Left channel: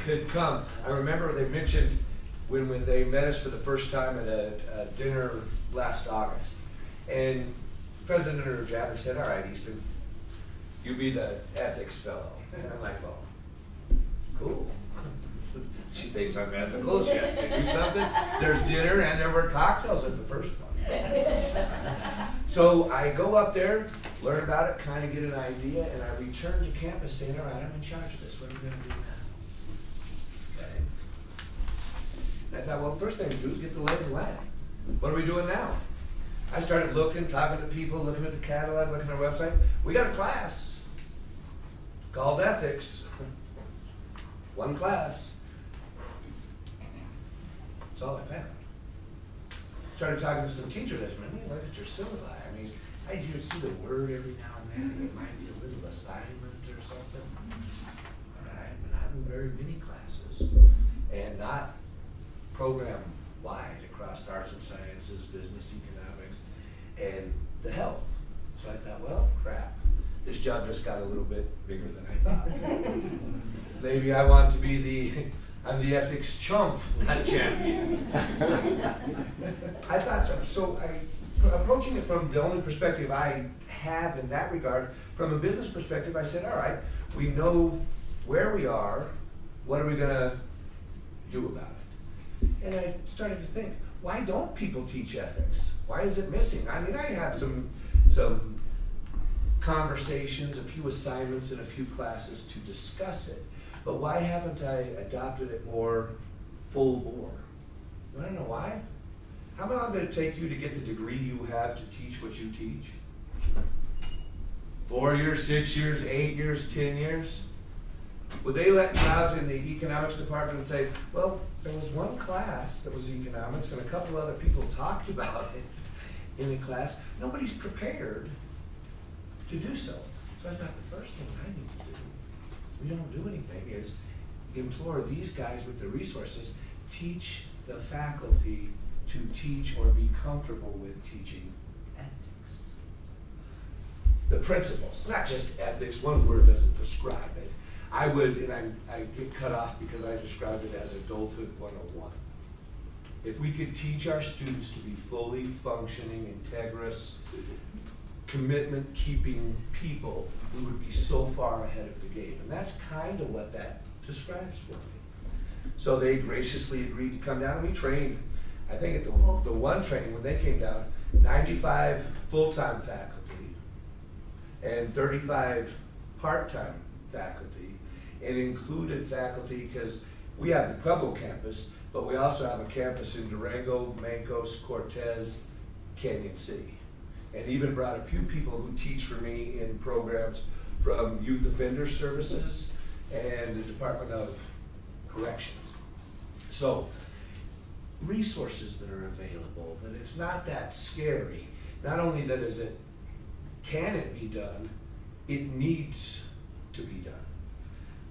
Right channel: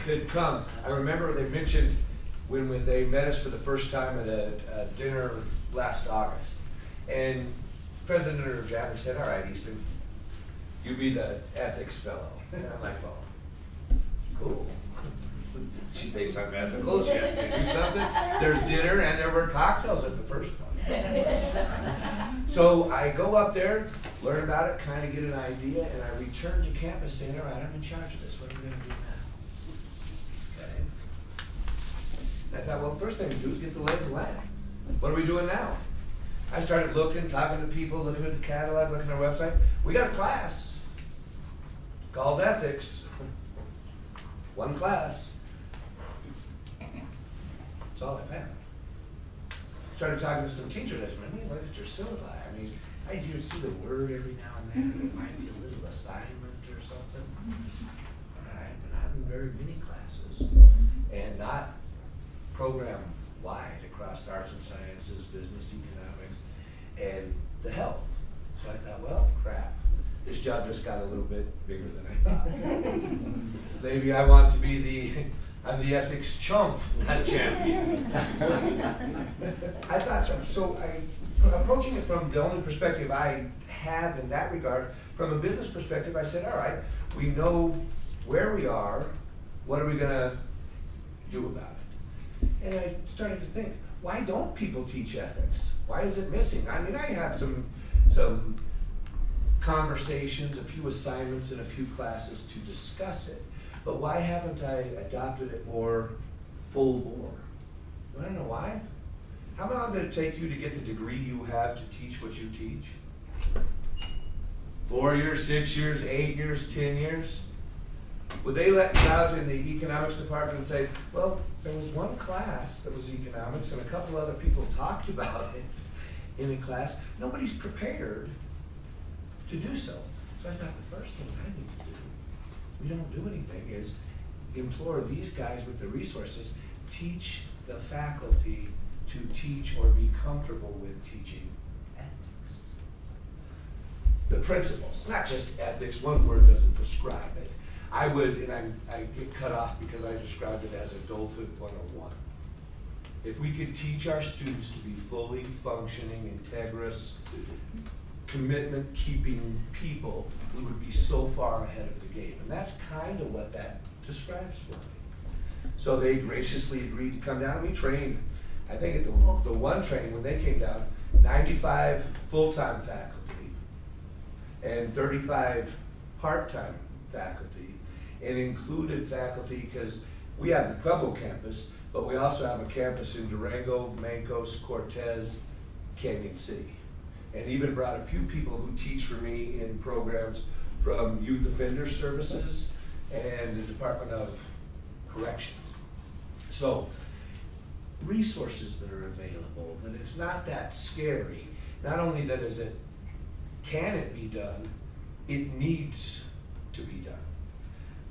could come. I remember they mentioned when they met us for the first time at a dinner last August, and President Javier said, "All right, Easton, you be the ethics fellow." And I'm like, "Well, cool." She thinks I'm ethical. She has to do something. There's dinner, and there were cocktails at the first one. So I go up there, learn about it, kind of get an idea, and I return to campus saying, "All right, I'm in charge of this. What are we going to do now?" Okay. And I thought, well, first thing to do is get the lay of the land. What are we doing now? I started looking, talking to people, looking at the catalog, looking at our website. We got a class. It's called ethics. One class. That's all I found. Started talking to some teachers. I said, "Man, look at your syllabi. I mean, I hear see the word every now and then. It might be a little assignment or something." I've been having very many classes, and not program-wide across arts and sciences, business, economics, and the health. So I thought, well, crap. This job just got a little bit bigger than I thought. Maybe I want to be I'm the ethics chump, not champion. I thought so. Approaching it from the only perspective I have in that regard, from a business perspective, I said, all right, we know where we are, what are we gonna do about it? And I started to think, why don't people teach ethics? Why is it missing? I mean, I have some conversations, a few assignments, and a few classes to discuss it. But why haven't I adopted it more full bore? You wanna know why? How long did it take you to get the degree you have to teach what you teach? 4 years, 6 years, 8 years, 10 years? Would they let you out in the economics department and say, well, there was one class that was economics and a couple other people talked about it in a class. Nobody's prepared to do so. So I thought the first thing I need to do, we don't do anything, is implore these guys with the resources, teach the faculty to teach or be comfortable with teaching ethics. The principles, not just ethics, one word doesn't describe it. I would, and I get cut off because I described it as adulthood 101. If we could teach our students to be fully functioning, integrous, commitment-keeping people, we would be so far ahead of the game. And that's kind of what that describes for me. So they graciously agreed to come down, and we trained, I think at the one training when they came down, 95 full-time faculty and 35 part-time faculty, and included faculty because we have the Pueblo campus, but we also have a campus in Durango, Mancos, Cortez, Canyon City. And even brought a few people who teach for me in programs from Youth Offender Services and the Department of Corrections. So, resources that are available, that it's not that scary. Not only that can it be done, it needs to be done.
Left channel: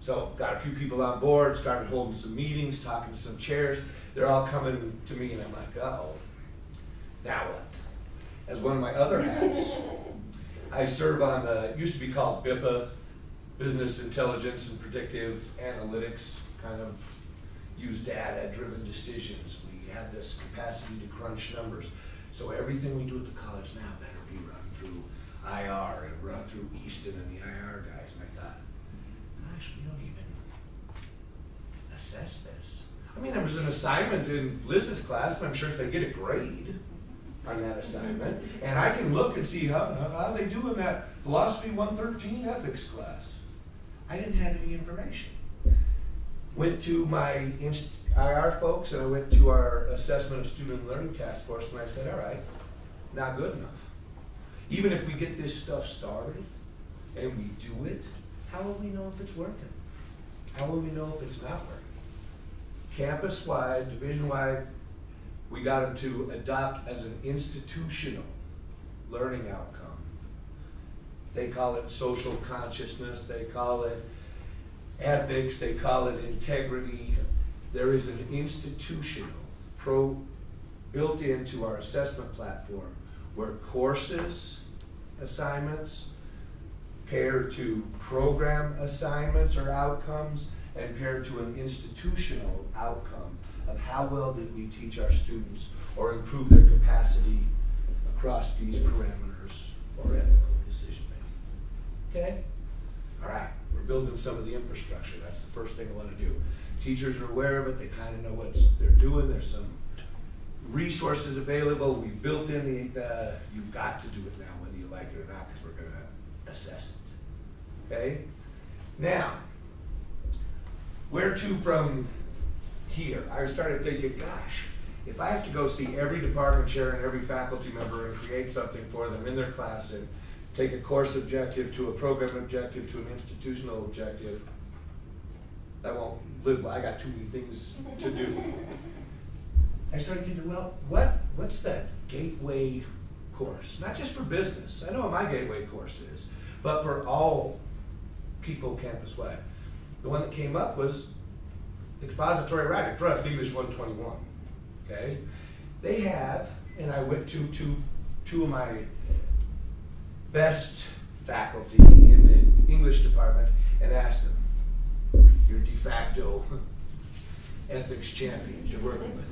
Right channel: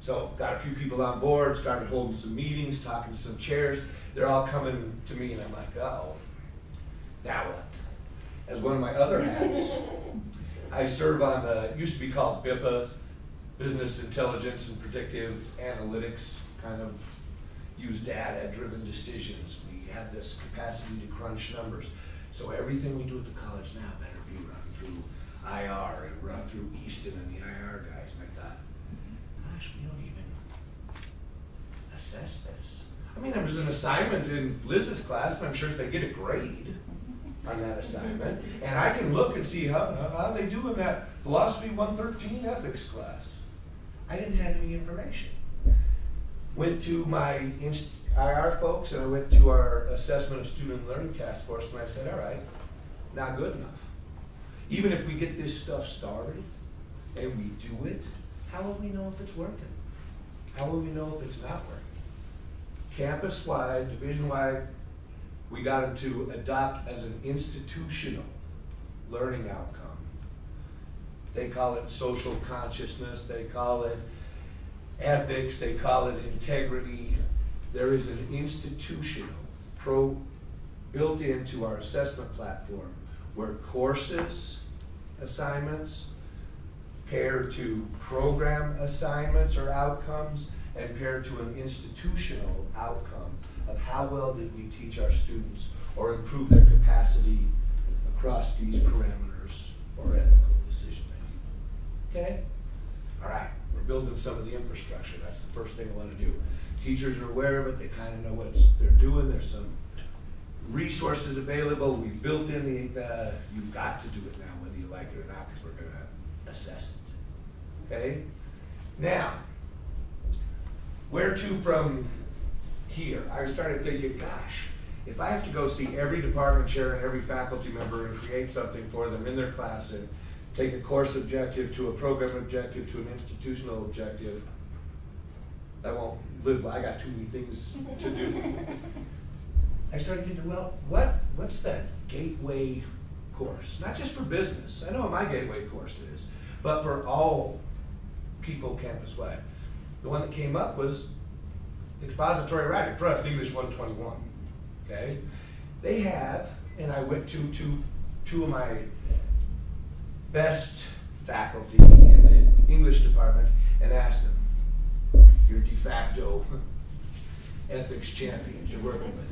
So, got a few people on board, started holding some meetings, talking to some chairs. They're all coming to me and I'm like, uh-oh, now what? As one of my other hats, I serve on the, used to be called BIPA, Business Intelligence and Predictive Analytics, kind of use data-driven decisions. We have this capacity to crunch numbers. So everything we do at the college now better be run through IR and run through Easton and the IR guys. And I thought, gosh, we don't even assess this. I mean, there was an assignment in Liz's class, and I'm sure if they get a grade on that assignment, and I can look and see how they do in that Philosophy 113 ethics class. I didn't have any information. Went to my IR folks, and I went to our Assessment of Student Learning Task Force, and I said, all right, not good enough. Even if we get this stuff started and we do it, how will we know if it's working? How will we know if it's not working? Campus-wide, division-wide, we got them to adopt as an institutional learning outcome. They call it social consciousness, they call it ethics, they call it integrity. There is an institutional built into our assessment platform where courses, assignments, pair to program assignments or outcomes, and paired to an institutional outcome of how well did we teach our students or improve their capacity across these parameters or ethical decision making. Okay? All right, we're building some of the infrastructure. That's the first thing I want to do. Teachers are aware of it. They kind of know what they're doing. There's some resources available. We built in you've got to do it now, whether you like it or not, because we're going to assess it. Okay? Now, where to from here? I started thinking, gosh, if I have to go see every department chair and every faculty member and create something for them in their class and take a course objective to a program objective to an institutional objective, I won't live. I got too many things to do. I started thinking, well, what's that gateway course? Not just for business. I know what my gateway course is, but for all people campus-wide. The one that came up was expository writing, for us, English 121. Okay? They have, and I went to two of my best faculty in the English department and asked them, your de facto ethics champions you're working with.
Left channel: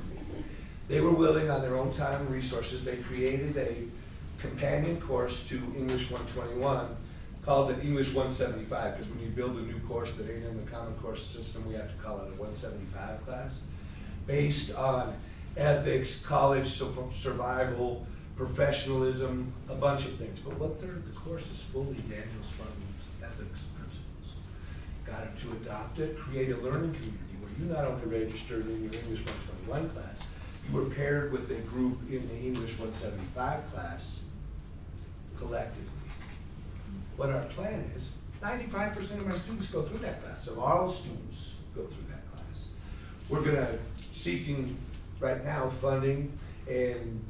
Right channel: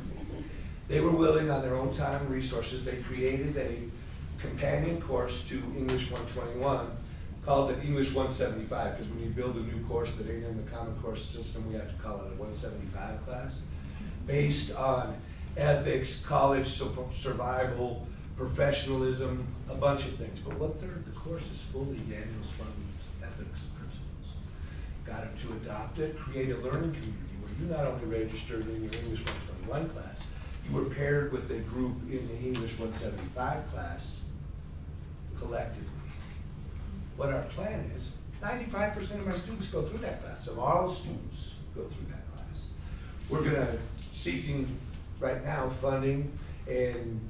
They were willing, on their own time and resources, they created a companion course to English 121 called it English 175, because when you build a new course that ain't in the Common Core system, we have to call it a 175 class, based on ethics, college survival, professionalism, a bunch of things. But the course is fully Daniel Spun's ethics principles. Got him to adopt it, create a learning community where you not only registered in your English 121 class, you were paired with a group in the English 175 class collectively. What our plan is, 95% of my students go through that class, so all students go through that class. We're seeking right now funding and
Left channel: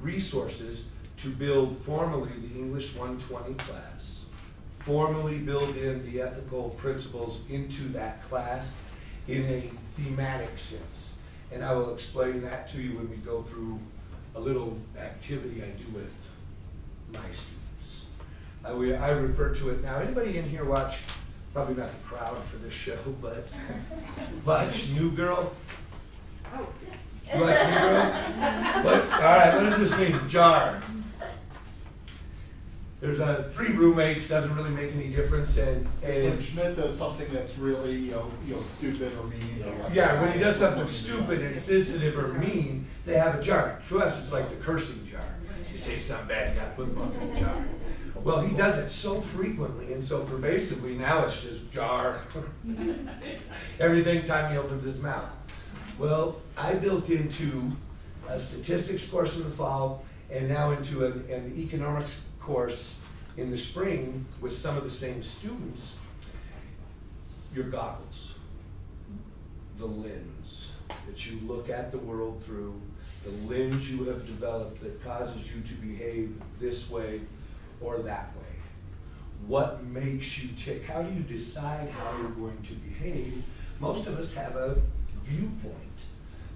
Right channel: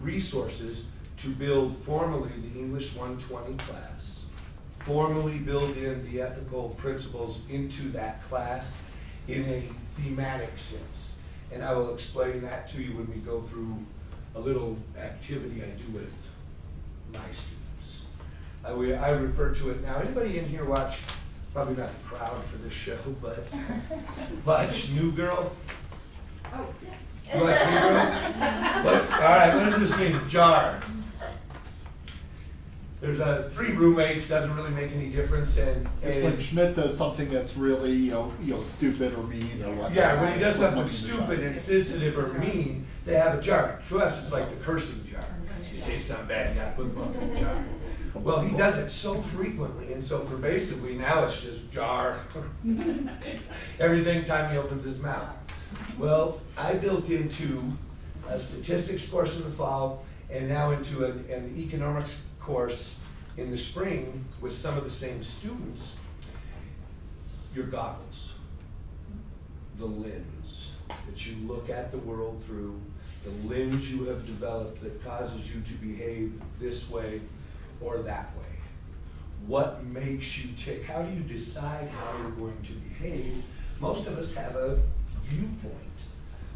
resources to build formally the English 120 class, formally build in the ethical principles into that class in a thematic sense. And I will explain that to you when we go through a little activity I do with my students. I refer to it now. Anybody in here watch, probably not the crowd for this show, but watch New Girl? Oh. You watch New Girl? All right, what does this mean? Jar. There's 3 roommates, doesn't really make any difference, and when Schmidt does something that's really stupid or mean or whatnot. Yeah, when he does something stupid and sensitive or mean, they have a jar. To us, it's like the cursing jar. You say something bad, you gotta put them in the jar. Well, he does it so frequently and so pervasively, now it's just jar. Every time he opens his mouth. Well, I built into a statistics course in the fall and now into an economics course in the spring with some of the same students, your goggles, the lens that you look at the world through, the lens you have developed that causes you to behave this way or that way. What makes you tick? How do you decide how you're going to behave? Most of us have a viewpoint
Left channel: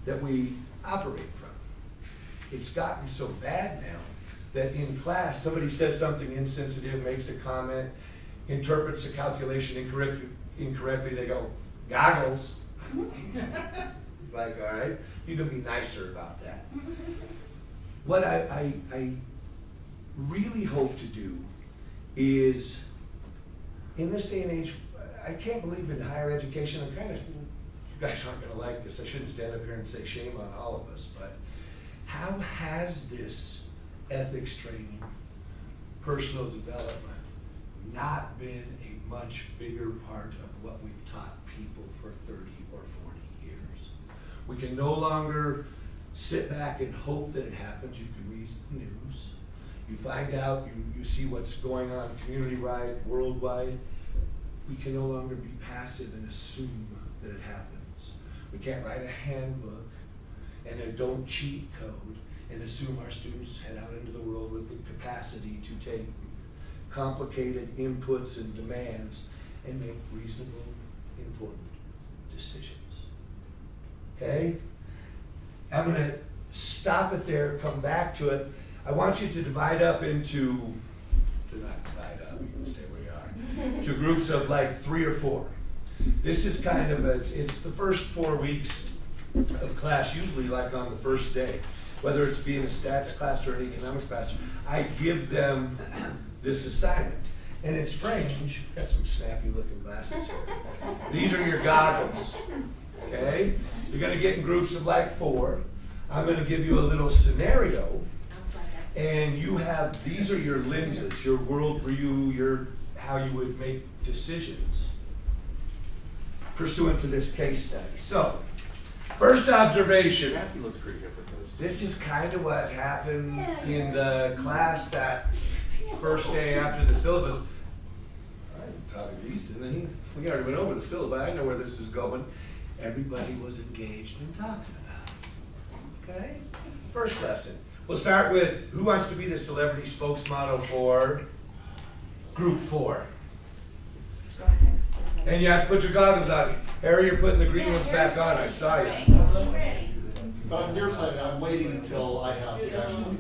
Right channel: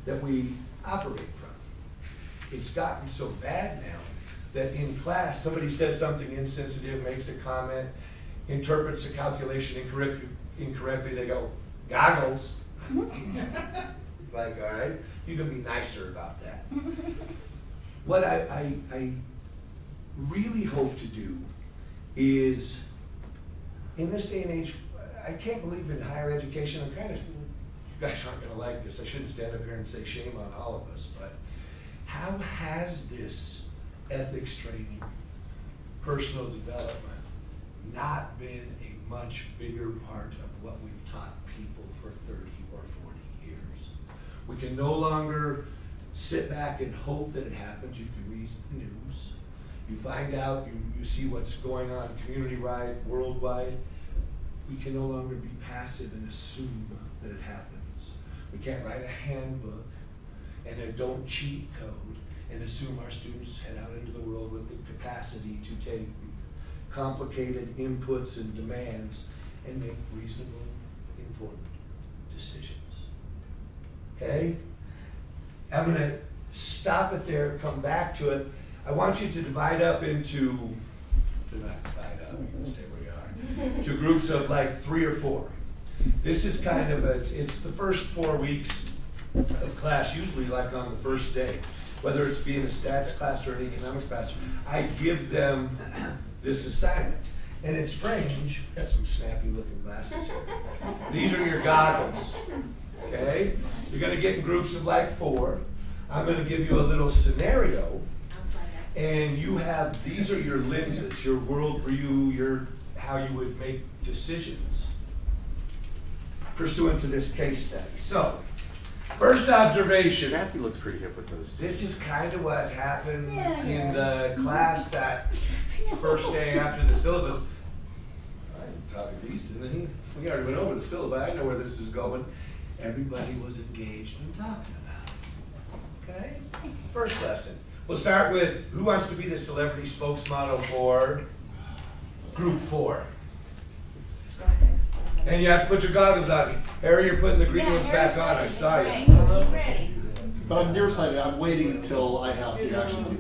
that we operate from. It's gotten so bad now that in class, somebody says something insensitive, makes a comment, interprets a calculation incorrectly, they go, goggles. Like, all right, you can be nicer about that. What I really hope to do is, in this day and age, I can't believe in higher education, I'm kind of, you guys aren't gonna like this, I shouldn't stand up here and say shame on all of us, but how has this ethics training, personal development, not been a much bigger part of what we've taught people for 30 or 40 years? We can no longer sit back and hope that it happens. You can read the news, you find out, you see what's going on community-wide, worldwide. We can no longer be passive and assume that it happens. We can't write a handbook and a don't cheat code and assume our students head out into the world with the capacity to take complicated inputs and demands and make reasonable, informed decisions. Okay? I'm going to stop it there, come back to it. I want you to divide up into, do not divide up, you can stay where you are, to groups of like 3 or 4. This is kind of, it's the first 4 weeks of class, usually like on the first day. Whether it's being a stats class or an economics class, I give them this assignment. And it's strange, got some snappy looking glasses. These are your goggles, okay? You're gonna get in groups of like 4. I'm gonna give you a little scenario. And you have, these are your lenses, your worldview, how you would make decisions pursuant to this case study. So, first observation. Kathy looks pretty hip with those. This is kind of what happened in the class that first day after the syllabus. I'm talking to Easton, and we already went over the syllabus. I know where this is going. Everybody was engaged in talking about it. Okay? First lesson. We'll start with who wants to be the celebrity spokesmodel for group 4. And you have to put your goggles on. Harry, you're putting the green ones back on. I saw you. But on your side, I'm waiting until I have to actually.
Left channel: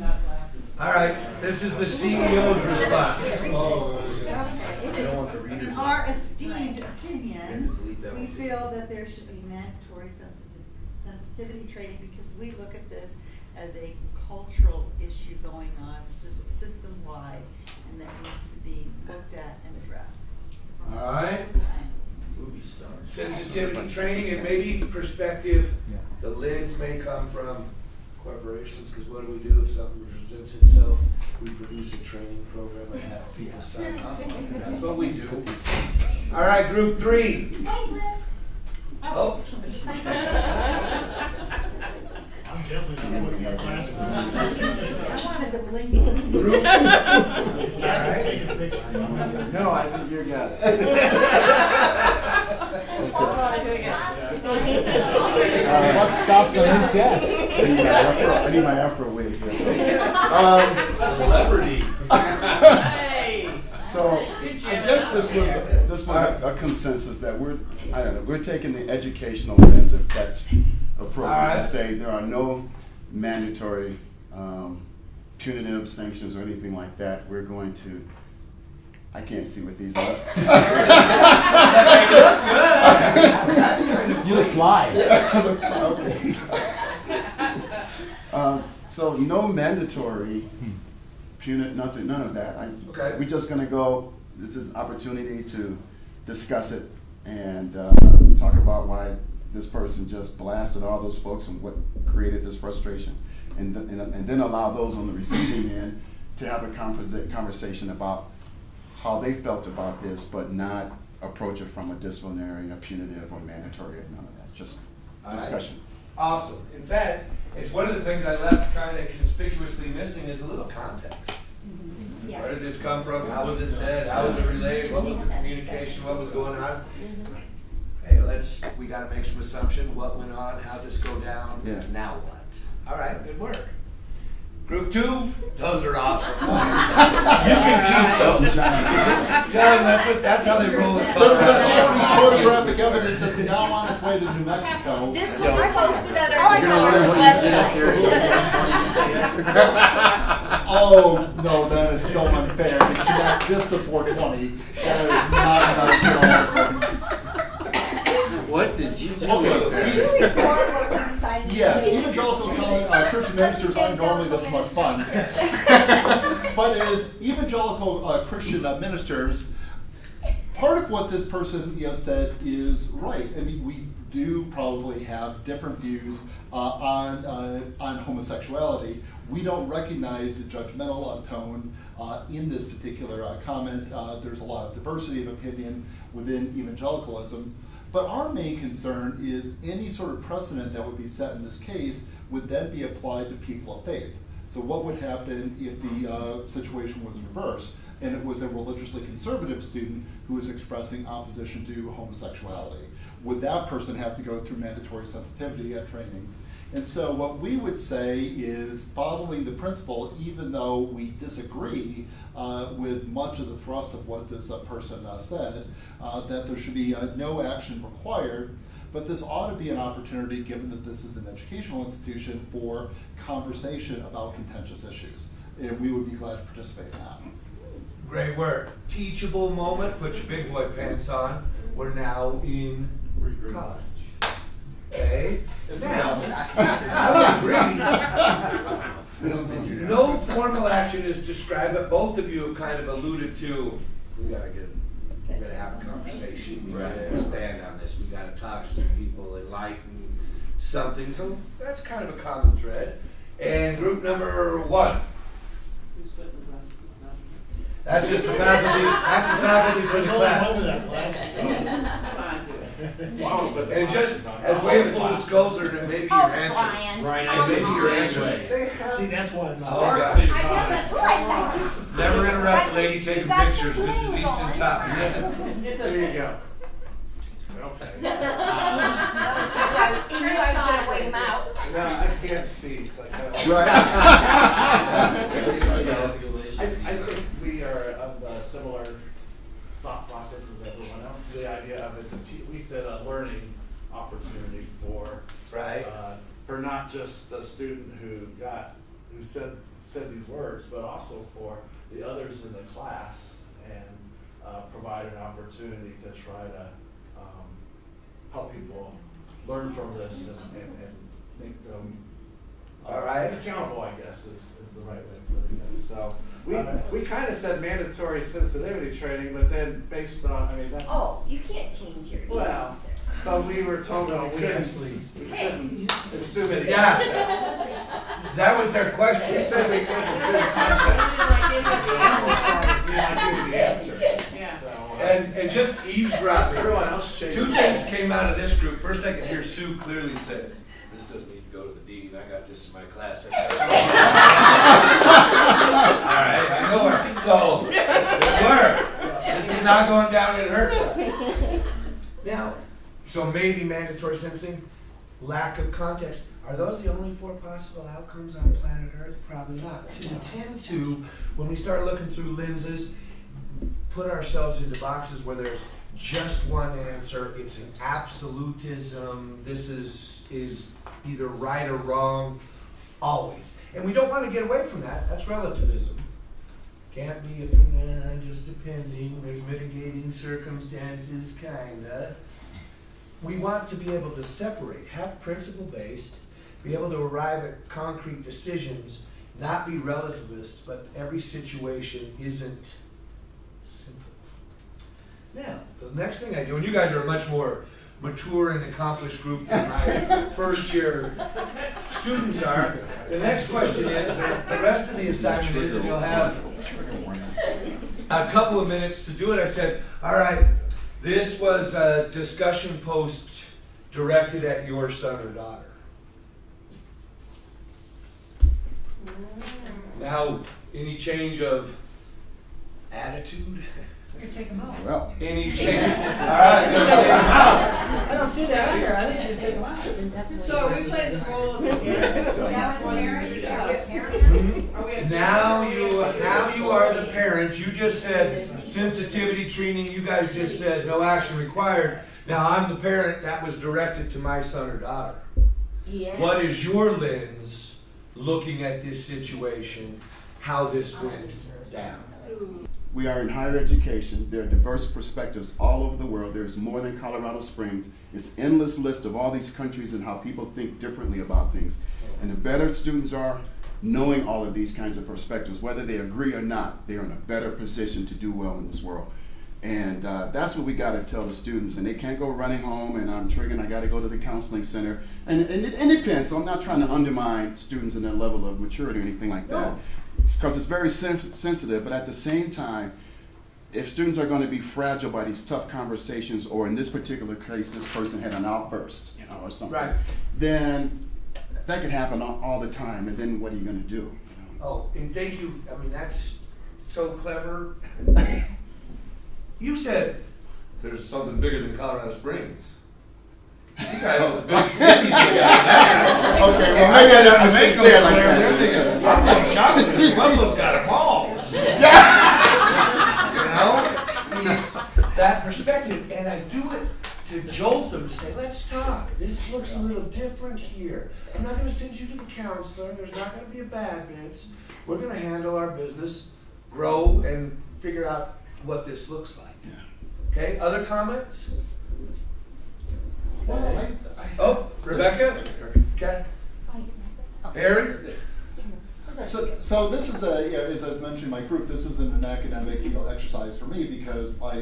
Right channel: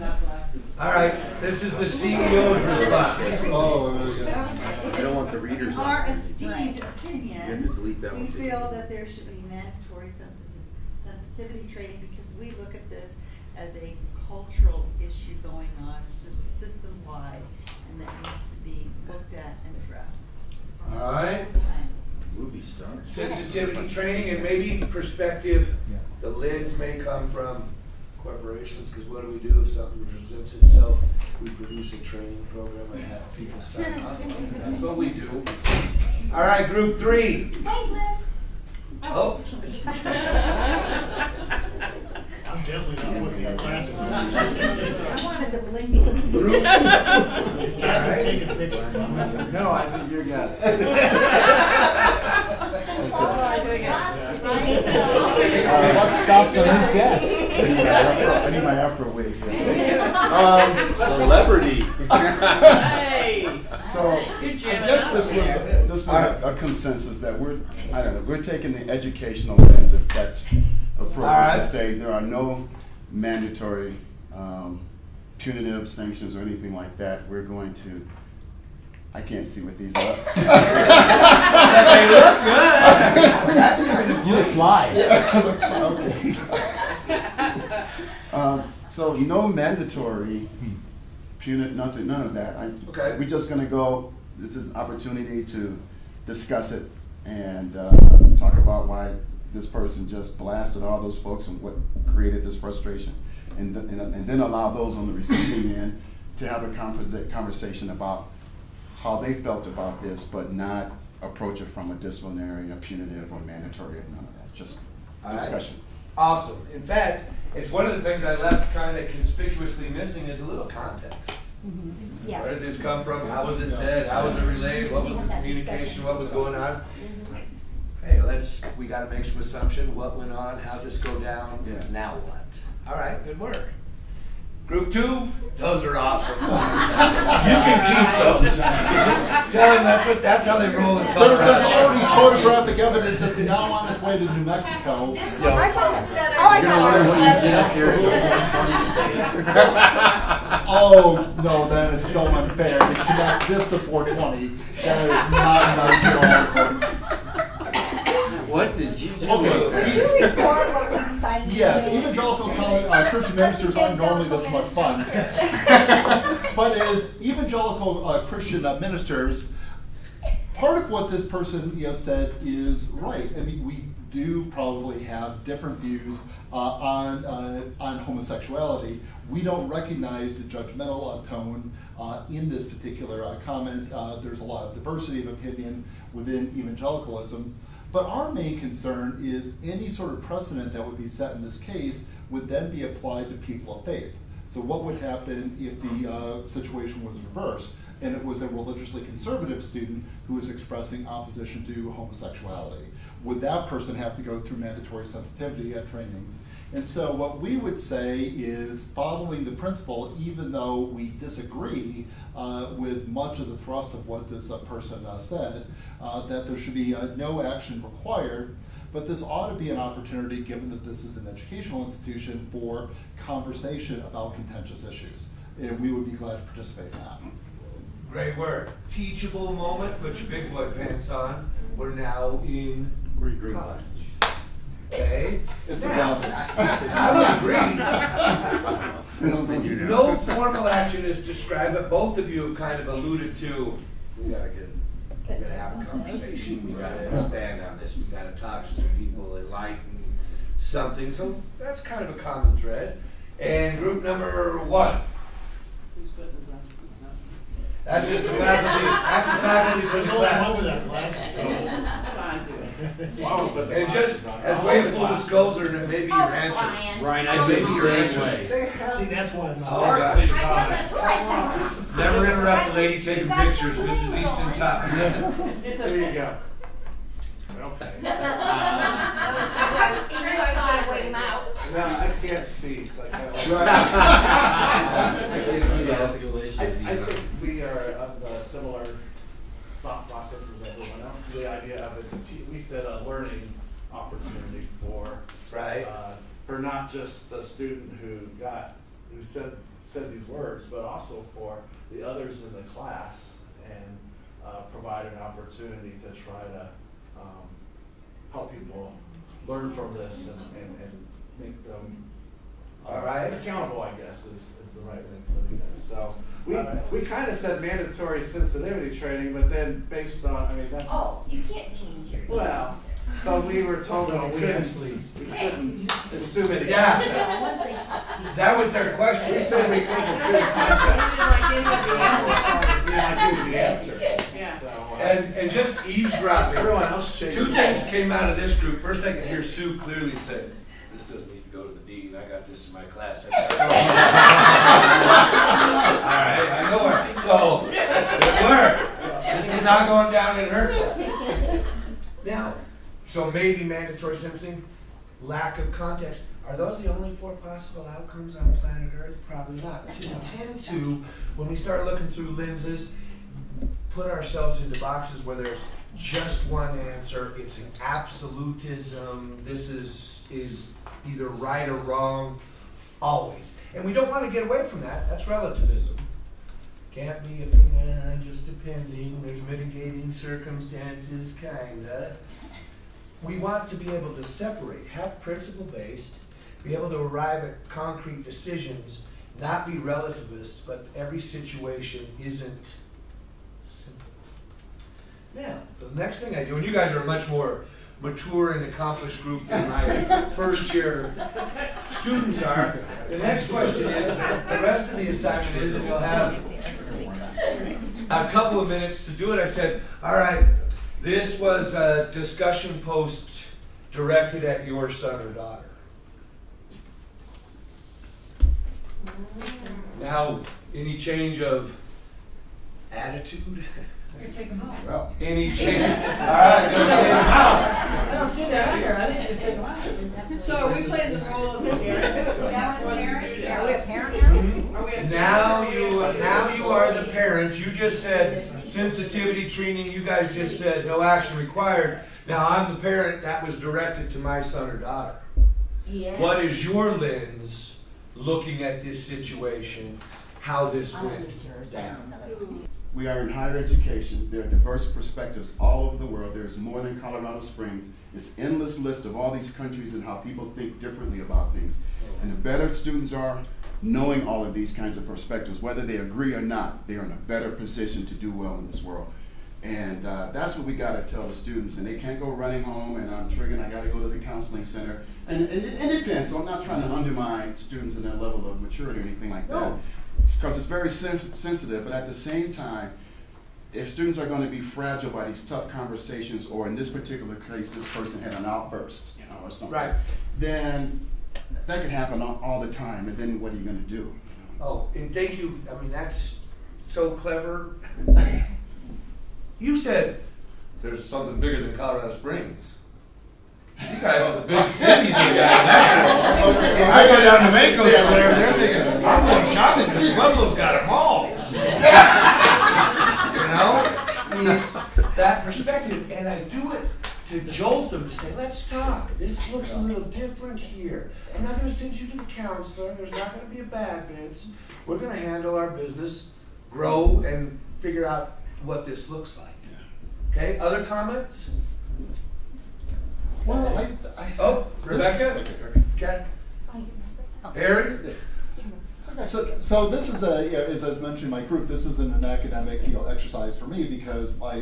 All right, this is the CEO's response. Oh, yes. I don't want the readers. In our on. esteemed You have to opinion, delete that we one, too. feel that there should be mandatory sensitivity training because we look at this as a cultural issue going on system-wide, and that needs to be looked at and addressed. from All right. multiple angles. Movie star. Sensitivity training and maybe perspective. The lens may come from corporations, because what do we do if something presents itself? We produce a training program and have people sign off on it. That's what we do. All right, group 3. Hey, Liz. Oh. I'm definitely not putting your glasses on. I wanted the bling. Group. Kathy's taking a picture. No, I think you got it. Buck stops on his desk. I need my afro wig. Celebrity. So I guess this was a consensus that we're taking the educational lens, if that's appropriate, Alright. to say there are no mandatory punitive sanctions or anything like that. We're going to, I can't see what these are. That's kind of You look fly. Okay. So no mandatory punitive, none of that. Okay. We're just gonna go, this is an opportunity to discuss it and talk about why this person just blasted all those folks and what created this frustration. And then allow those on the receiving end to have a conversation about how they felt about this, but not approach it from a disciplinary, a punitive, or mandatory, none of that, just All right. discussion. awesome. In fact, it's one of the things I left kind of conspicuously missing is a little context. Where did this come from? How was it said? How was it relayed? What was the communication? What was going on? Hey, we gotta make some assumption. What went on? How'd this go down? Yeah. Now what? All right, good work. Group 2, those are awesome. You can keep those. Tell them that's how they roll in There's Colorado. already photographic evidence that's now on its way to New Mexico. This one, I posted that You're gonna wonder what you did up there website. so 420 Oh, no, that is so unfair. To connect this to 420, that is not nice at all. What did you do? Okay. Yes, evangelical Christian ministers aren't normally this much fun. But as evangelical Christian ministers, part of what this person said is right. I mean, we do probably have different views on homosexuality. We don't recognize the judgmental tone in this particular comment. There's a lot of diversity of opinion within evangelicalism. But our main concern is any sort of precedent that would be set in this case would then be applied to people of faith. So what would happen if the situation was reversed and it was a religiously conservative student who was expressing opposition to homosexuality? Would that person have to go through mandatory sensitivity training? And so what we would say is, following the principle, even though we disagree with much of the thrust of what this person said, that there should be no action required, but this ought to be an opportunity, given that this is an educational institution, for conversation about contentious issues. And we would be glad to participate in that. Great work. Teachable moment, put your big boy pants on. we're now in college. Okay? It's Now, a I would agree. No formal action is described, but both of you have kind of alluded to, we gotta have a conversation, we gotta expand on this, we gotta talk to some people, enlighten something, so that's kind of a common thread. And group number 1. That's just the faculty for the There's only one class. with that glasses. And just as way of full disclosure, that may be your answer. Ryan, It I may think be the your same answer. way. See, that's why I'm. Oh gosh. I know, that's right. Never interrupt the lady taking pictures. This is Easton Top. There you go. Okay. You guys gotta wait him out. No, I can't see. Like, I think we are of the similar thought process as everyone else. The idea of we said a learning opportunity for Right. for not just the student who said these words, but also for the others in the class, and provide an opportunity to try to help people learn from this and make them All right. accountable, I guess, is the right way of putting it. So we All right. we kind of said mandatory sensitivity training, but then based on, I mean, that's, Oh, you can't change your well, answer. but we were told No, we we couldn't assume any Yeah. concepts. That was their We question. said we couldn't assume concepts. We like giving the answer. Yeah. So, And just eavesdropping. everyone else changed. 2 things came out of this group. First, I could hear Sue clearly say, "This doesn't need to go to the dean. I got this in my class." I said, all right, I know her. So, it worked. This is not going down in her class. Now, so maybe mandatory sentencing, lack of context. Are those the only 4 possible outcomes on planet Earth? Probably not. We tend to, when we start looking through lenses, put ourselves into boxes where there's just one answer. It's an absolutism. This is either right or wrong, always. And we don't want to get away from that. That's relativism. Can't be just depending. There's mitigating circumstances, kinda. We want to be able to separate, have principle-based, be able to arrive at concrete decisions, not be relativists, but every situation isn't simple. Now, the next thing I do, and you guys are a much more mature and accomplished group than my first year students are. The next question is, the rest of the assignment is, and you'll have a couple of minutes to do it. I said, all right, this was a discussion post directed at your son or daughter. Now, any change of attitude? You take them out. Well, Any change? All right, let's take them out. I don't see that under, I think just take them out. So are we playing the role of the parent? Now you are the parent. You just said sensitivity training. You guys just said no action required. Now I'm the parent that was directed to my son or daughter. Yeah. What is your lens looking at this situation? How this went down? we are in higher education. There are diverse perspectives all over the world. There's more than Colorado Springs. It's endless list of all these countries and how people think differently about things. And the better students are knowing all of these kinds of perspectives, whether they agree or not, they're in a better position to do well in this world. And that's what we got to tell the students. And they can't go running home and I'm triggering, I got to go to the counseling center. And it depends. So I'm not trying to undermine students in their level of maturity or anything like that. Because it's very sensitive. But at the same time, if students are going to be fragile by these tough conversations, or in this particular case, this person had an outburst, or something, Right. then that can happen all the time. And then what are you going to do? Oh, and thank you. I mean, that's so clever. You said there's something bigger than Colorado Springs. You guys are the big city. You guys are. Okay, well, I go down to maybe Macon say it or like whatever. that. They're thinking, I'm going shopping because Pueblo's got a mall. You know? It's that perspective. And I do it to jolt them, to say, let's talk. This looks a little different here. I'm not going to send you to the counselor. There's not going to be a bad bits. We're going to handle our business, grow, and figure out what this looks like. Okay, other comments? Well, Oh, Rebecca? Okay. Okay. Harry? So this is as I was mentioning in my group, this isn't an academic, exercise for me because my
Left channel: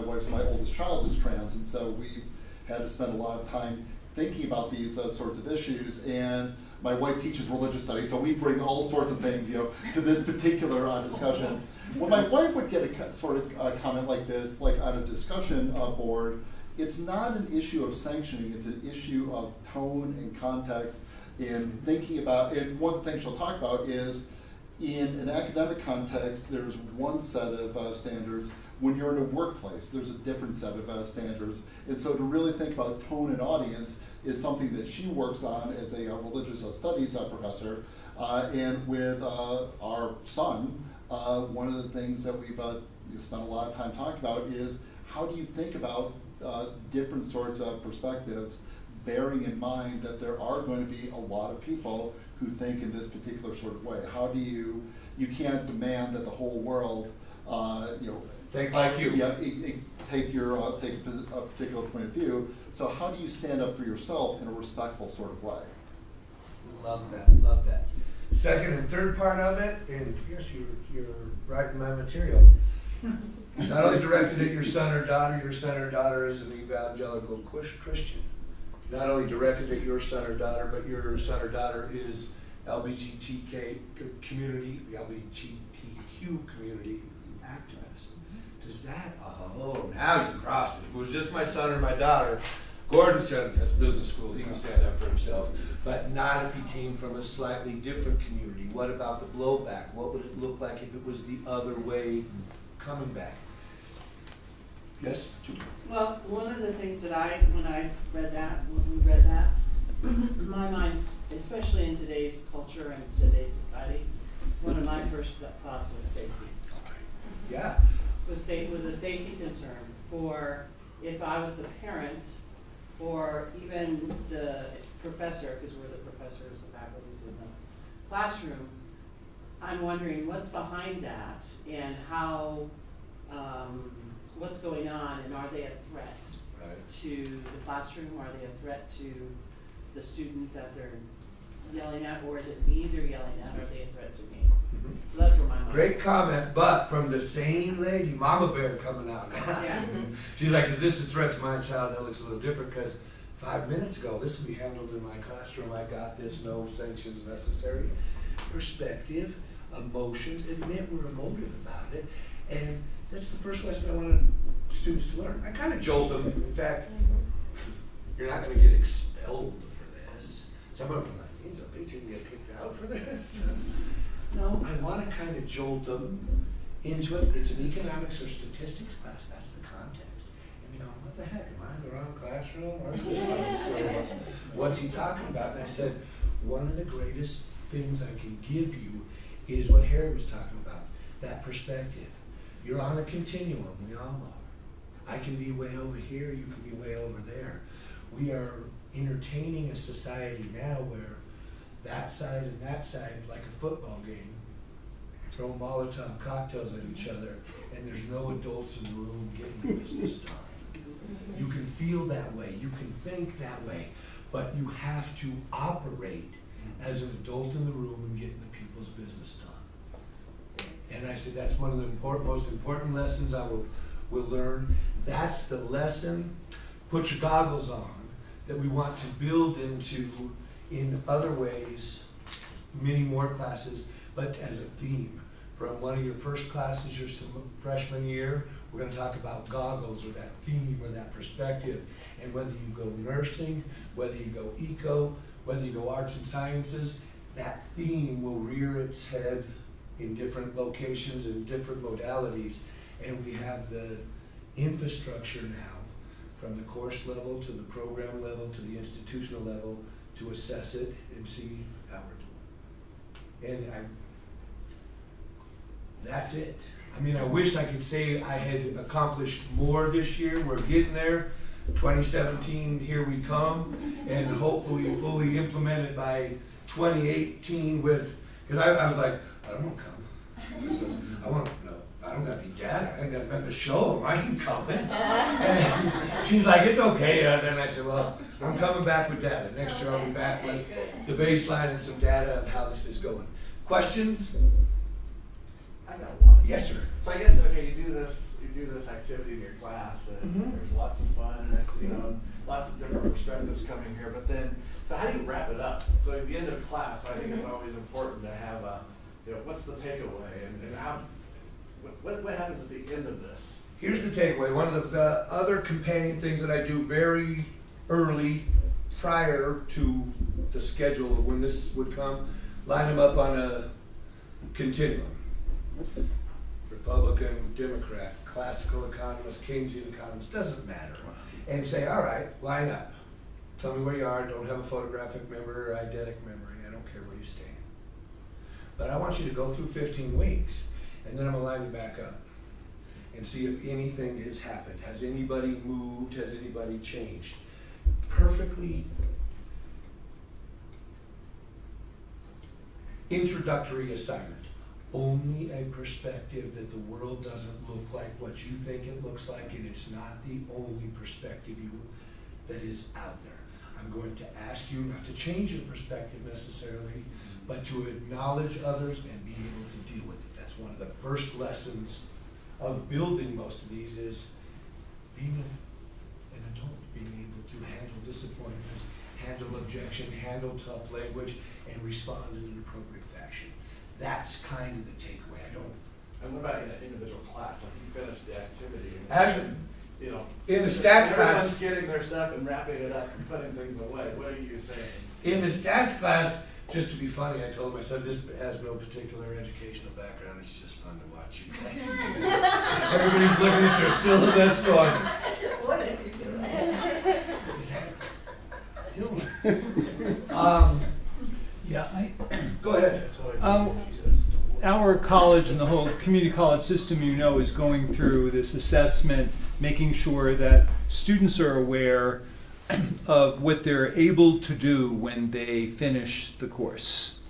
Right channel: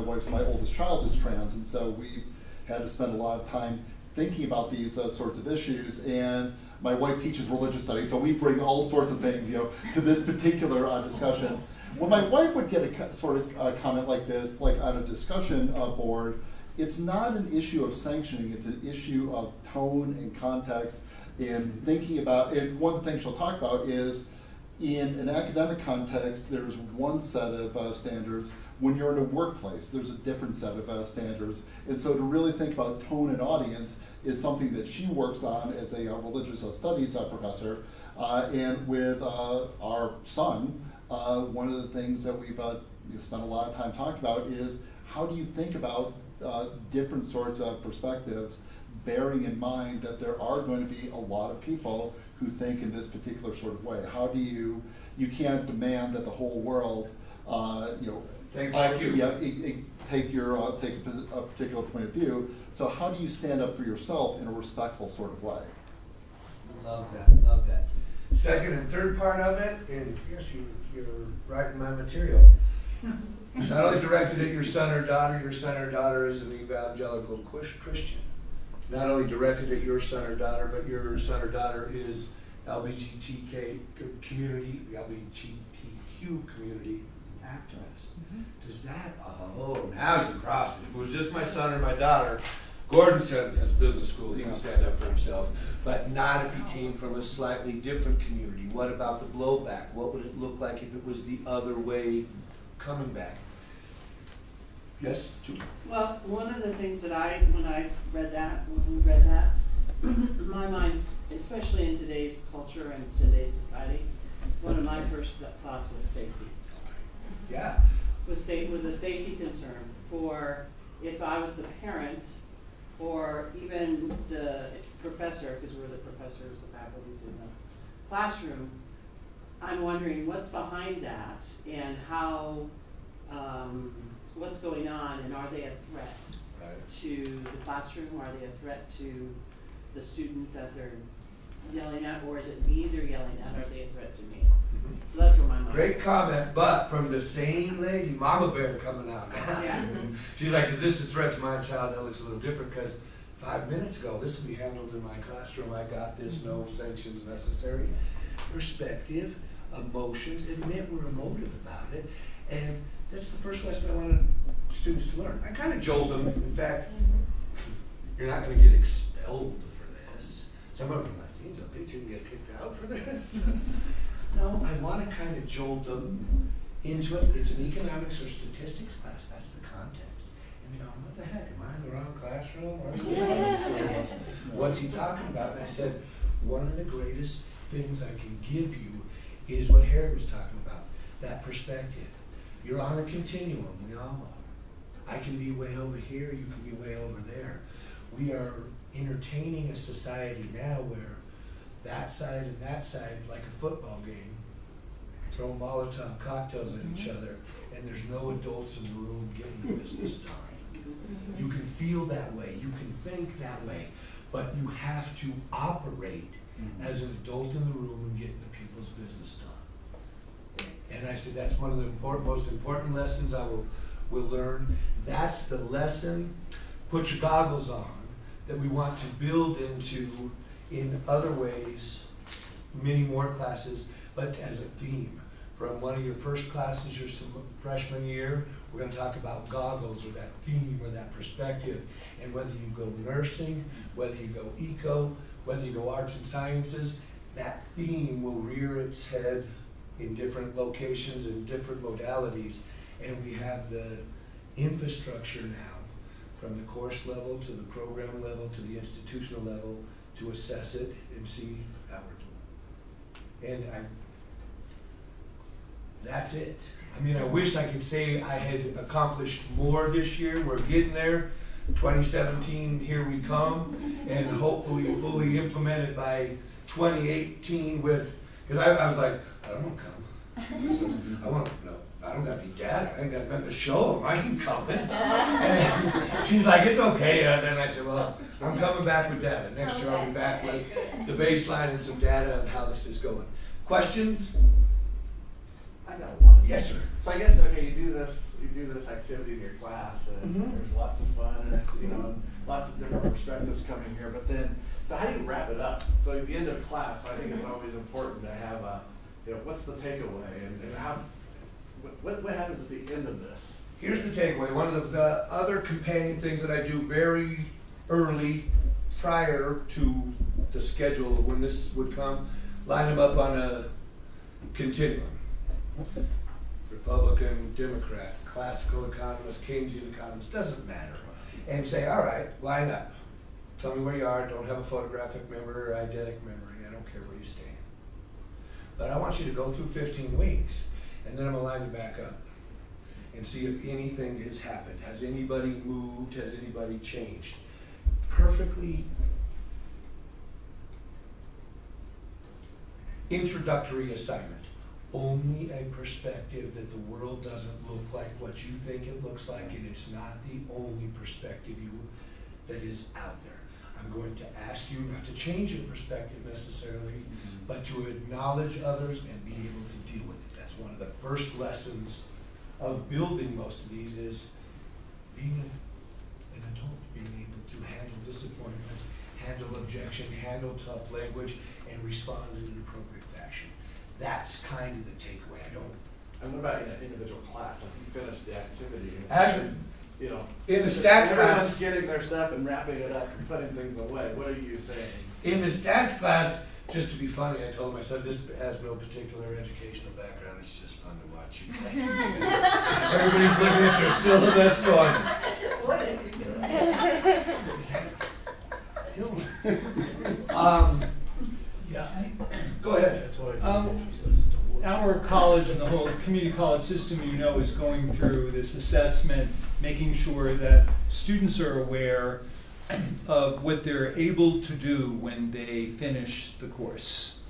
wife's my oldest child is trans, and so we've had to spend a lot of time thinking about these sorts of issues. And my wife teaches religious studies, so we bring all sorts of things, to this particular discussion. When my wife would get a sort of comment like this, like on a discussion board, it's not an issue of sanctioning, it's an issue of tone and context and thinking about, and one of the things she'll talk about is in an academic context, there's one set of standards. When you're in a workplace, there's a different set of standards. And so to really think about tone and audience is something that she works on as a religious studies professor. And with our son, one of the things that we've spent a lot of time talking about is how do you think about different sorts of perspectives, bearing in mind that there are going to be a lot of people who think in this particular sort of way. How do you can't demand that the whole world, think like you. Yeah, take a particular point of view. So how do you stand up for yourself in a respectful sort of way? Love that. Second and third part of it, and yes, you're right in my material. Not only directed at your son or daughter is an evangelical Christian. Not only directed at your son or daughter, but your son or daughter is LGBTQ community activist. Does that, now you crossed it. If it was just my son or my daughter, Gordon said that's business school, he can stand up for himself. But not if he came from a slightly different community. What about the blowback? What would it look like if it was the other way coming back? Yes, Julie? Well, one of the things that when we read that, in my mind, especially in today's culture and today's society, one of my first thoughts was safety. Yeah. Was a safety concern for if I was the parent or even the professor, because we're the professors, the faculties in the classroom. I'm wondering what's behind that and how, what's going on, and are they a threat to the classroom? Are they a threat to the student that they're yelling at, or is it me they're yelling at? Are they a threat to me? So that's where my mind. Great comment, but from the same lady, Mama Bear coming out now. Yeah. She's like, is this a threat to my child? That looks a little different because 5 minutes ago, this will be handled in my classroom. I got this, no sanctions necessary. Perspective, emotions, admit we're emotive about it. And that's the first lesson I wanted students to learn. I kind of jolt them. In fact, you're not going to get expelled for this. Some of them are like, geez, I bet you can get kicked out for this. No, I want to kind of jolt them into it. It's an economics or statistics class. That's the context. And you know, what the heck? Am I in the wrong classroom? Or is this what's he talking about? And I said, one of the greatest things I can give you is what Harry was talking about, that perspective. You're on a continuum. We all are. I can be way over here. You can be way over there. We are entertaining a society now where that side and that side, like a football game, throw Molotov cocktails at each other, and there's no adults in the room getting the business done. You can feel that way, you can think that way, but you have to operate as an adult in the room and getting the people's business done. And I said that's one of the most important lessons I will learn. That's the lesson, put your goggles on, that we want to build into in other ways, many more classes, but as a theme. From one of your first classes your freshman year, we're going to talk about goggles or that theme or that perspective. And whether you go nursing, whether you go eco, whether you go arts and sciences, that theme will rear its head in different locations and different modalities. And we have the infrastructure now, from the course level to the program level to the institutional level, to assess it and see how we're doing. And that's it. I mean, I wished I could say I had accomplished more this year. We're getting there. 2017, here we come, and hopefully fully implemented by 2018 with, because I was like, I don't want to come. I don't got any data, I ain't got nothing to show them, I ain't coming. And she's like, it's okay, and I said, well, I'm coming back with data. Next year I'll be back with the baseline and some data of how this is going. Questions? I got one. Yes, sir. So I guess, okay, you do this activity in your class, and Mhm. there's lots of fun, and you know, lots of different perspectives coming here. But then, so how do you wrap it up? So at the end of class, I think it's always important to have a, you know, what's the takeaway, and how, what happens at the end of this? Here's the takeaway. One of the other companion things that I do very early, prior to the schedule of when this would come, line them up on a continuum. Republican, Democrat, classical economist, Keynesian economist, doesn't matter. And say, all right, line up. Tell me where you are. Don't have a photographic memory or eidetic memory. I don't care where you stand. But I want you to go through 15 weeks, and then I'm going to line you back up and see if anything has happened. Has anybody moved? Has anybody changed? Perfectly introductory assignment. Only a perspective that the world doesn't look like what you think it looks like, and it's not the only perspective that is out there. I'm going to ask you not to change your perspective necessarily, but to acknowledge others and be able to deal with it. That's one of the first lessons of building most of these, is being an adult, being able to handle disappointment, handle objection, handle tough language, and respond in an appropriate fashion. That's kind of the takeaway. And what about in an individual class? Like you finish the activity. And, Actually, you know, in the stats everyone's class, getting their stuff and wrapping it up and putting things away. What are you saying? in the stats class, just to be funny, I told him, I said, this has no particular educational background. It's just fun to watch you guys. Everybody's looking at their syllabus going, What is that Yeah, go ahead. our college and the whole community college system, you know, is going through this assessment, making sure that students are aware of what they're able to do when they finish the course.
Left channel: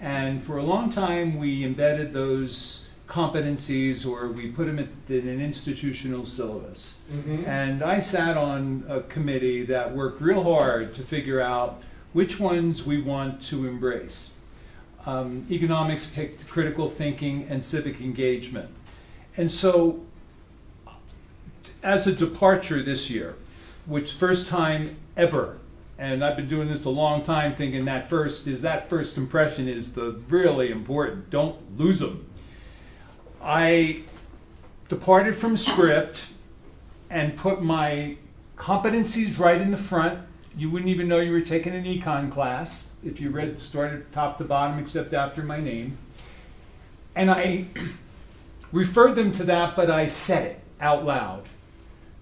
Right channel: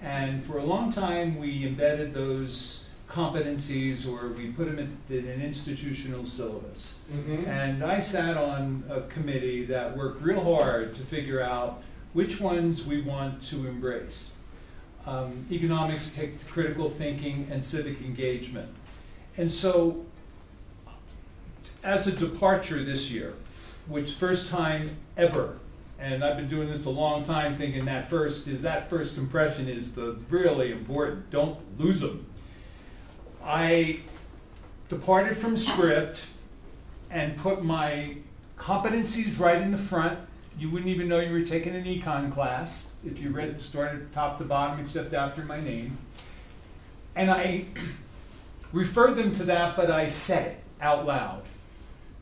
And for a long time, we embedded those competencies, or we put them in an institutional syllabus. Mm-hmm. And I sat on a committee that worked real hard to figure out which ones we want to embrace. Economics picked critical thinking and civic engagement. And so, as a departure this year, which first time ever, and I've been doing this a long time thinking that first impression is the really important, don't lose them. I departed from script and put my competencies right in the front. You wouldn't even know you were taking an econ class if you started top to bottom except after my name. And I referred them to that, but I said it out loud.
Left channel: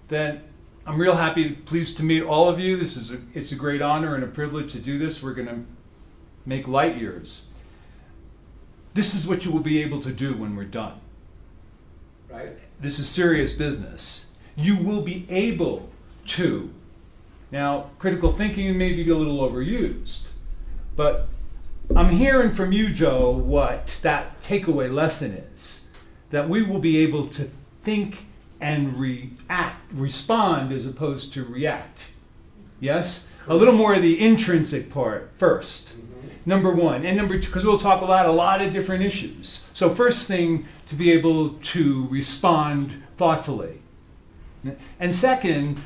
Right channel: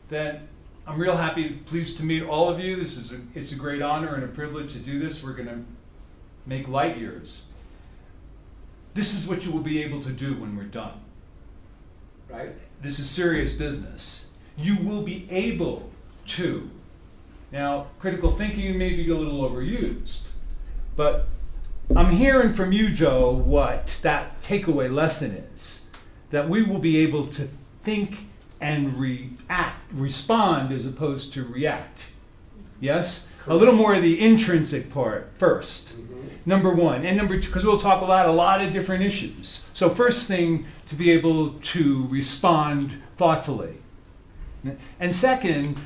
That I'm real happy, pleased to meet all of you. It's a great honor and a privilege to do this. We're going to make light years. This is what you will be able to do when we're done. Right? This is serious business. You will be able to. Now, critical thinking may be a little overused, but I'm hearing from you, Joe, what that takeaway lesson is. That we will be able to think and respond as opposed to react. Yes? A little more of the intrinsic part first. Mm-hmm. Number one. And number two, because we'll talk about a lot of different issues. So first thing, to be able to respond thoughtfully. And second,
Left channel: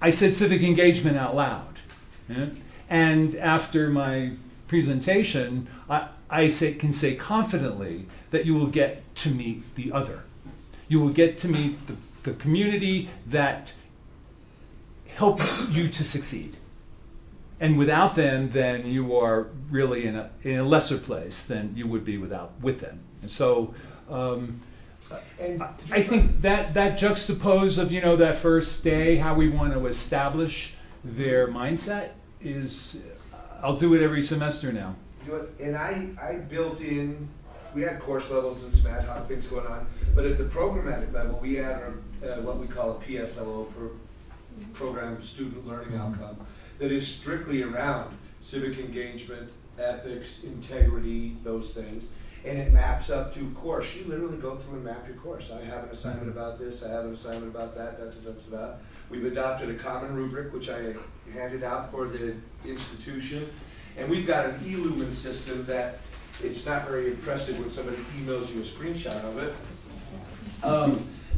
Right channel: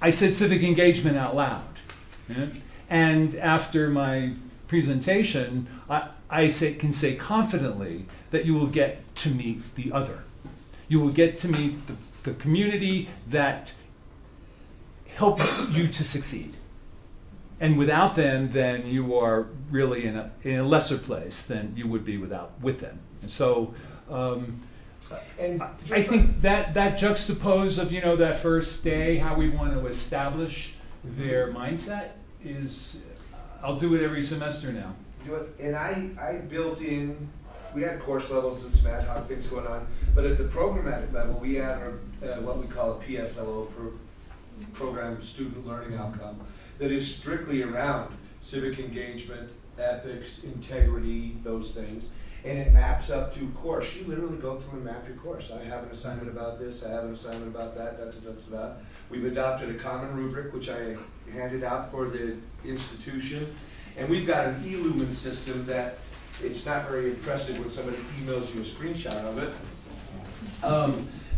I said civic engagement out loud. Yeah? And after my presentation, I can say confidently that you will get to meet the other. You will get to meet the community that helps you to succeed. And without them, then you are really in a lesser place than you would be with them. And so And I think that juxtapose of, that first day, how we want to establish their mindset is, I'll do it every semester now. And I built in, we had course levels and some ad hoc things going on, but at the programmatic level, we had what we call a PSLO, Program Student Learning Outcome, that is strictly around civic engagement, ethics, integrity, those things. And it maps up to course. You literally go through and map your course. I have an assignment about this, I have an assignment about that, da, da, da, da, da. We've adopted a common rubric, which I handed out for the institution. And we've got an e-lumen system that it's not very impressive when somebody emails you a screenshot of it,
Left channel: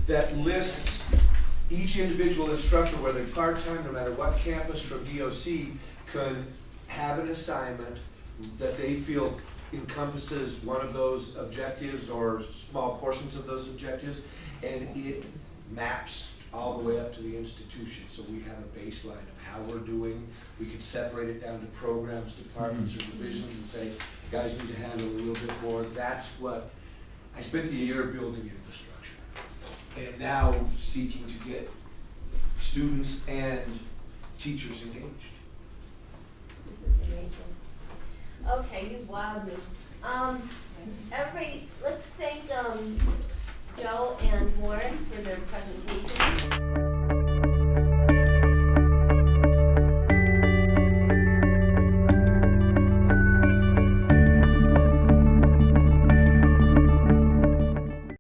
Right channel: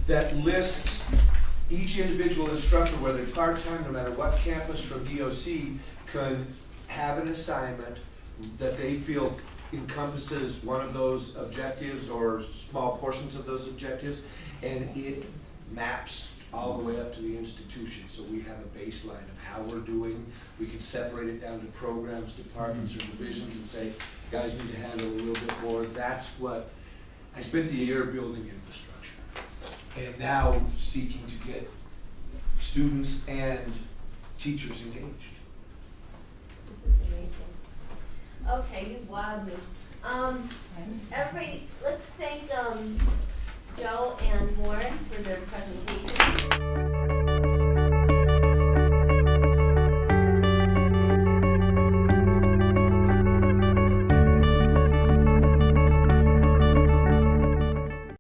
that lists each individual instructor, whether part-time, no matter what campus from DOC, can have an assignment that they feel encompasses one of those objectives or small portions of those objectives, and it maps all the way up to the institution. So we have a baseline of how we're doing. We can separate it down to programs, departments, or divisions and say, guys need to handle a little bit more. That's what, I spent the year building infrastructure and now seeking to get students and teachers engaged. This is amazing. Okay, you wowed me. Let's thank Joe and Warren for their presentation.